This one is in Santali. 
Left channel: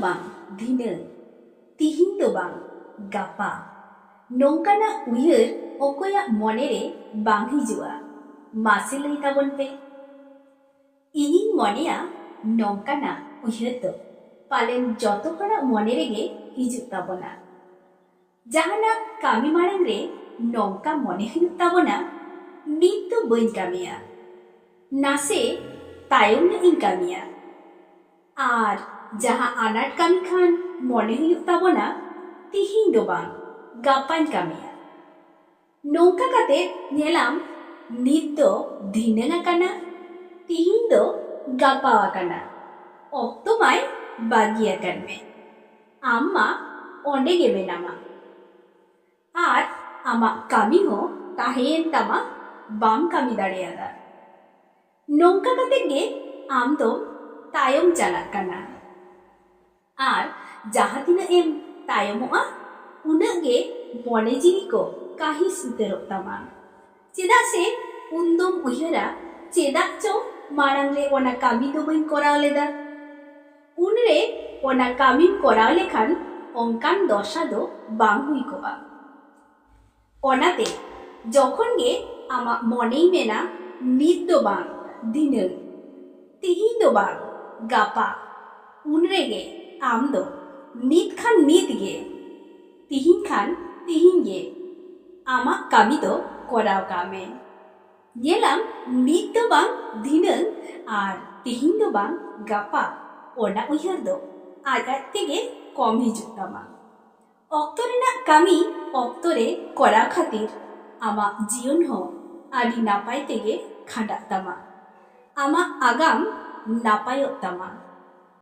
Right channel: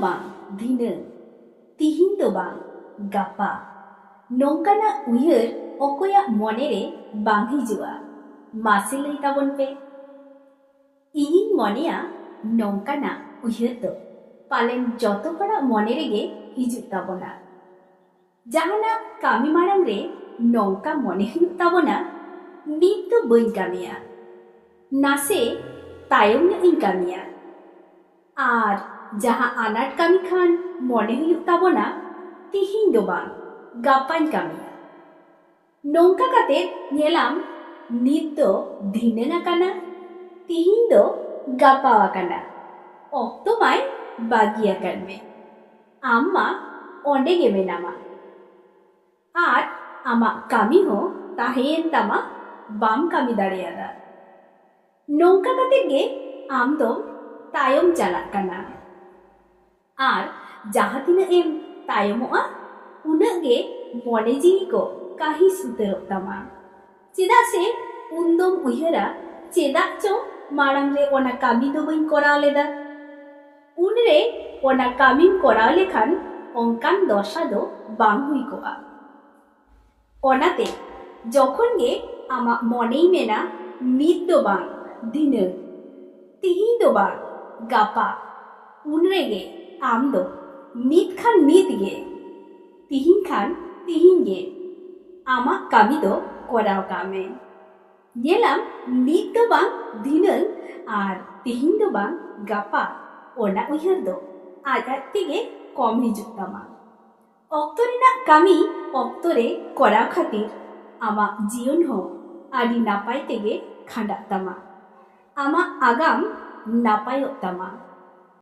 bang dhinang, tihin do bang gapa. Nongkana uyhar okoya monere bang hijua. Mase lai tabon pe. Inying moneya nongkana uyhar do palen joto hora mone rege hijuk tabona. Jahana kami marang re nongka mone huyuk tabona nit do bain kamiya. Nase tayom na ing kamiya. Ar jaha anat kami khan mone huyuk tabona tihin do bang gapain kamiya. Nongka kate nyelam nit do dhinang akana, tihin do gapa akana. Okto mai bagia karme. Amma onde ge menama. Ar ama kami ho tahen tama bam kami dareada. Nongka kate ge am do tayom chalak kana. Ar jaha tina em tayomoa unag ge mone jiwi ko kahis uterok tama. Cheda se undom uyhara chedak cho marang re ona kami do bain korao leda. Unre ona kamim korao lekhan onkan dosha do bang hui koa. Onate jokhon ge ama monei mena nit do bang dhinang, tihin do bang gapa. Unre ge am do nit khan nit ge, tihin khan tihin ge ama kami do korao kame. Nyelam nit do bang dhinang ar tihin do bang gapa. Ona uyhar do aj tege kom hijuk tama. Okto renak kami okto re korao khatir ama jiyon ho adi napai tege khandak tama. Ama agam napayok tama.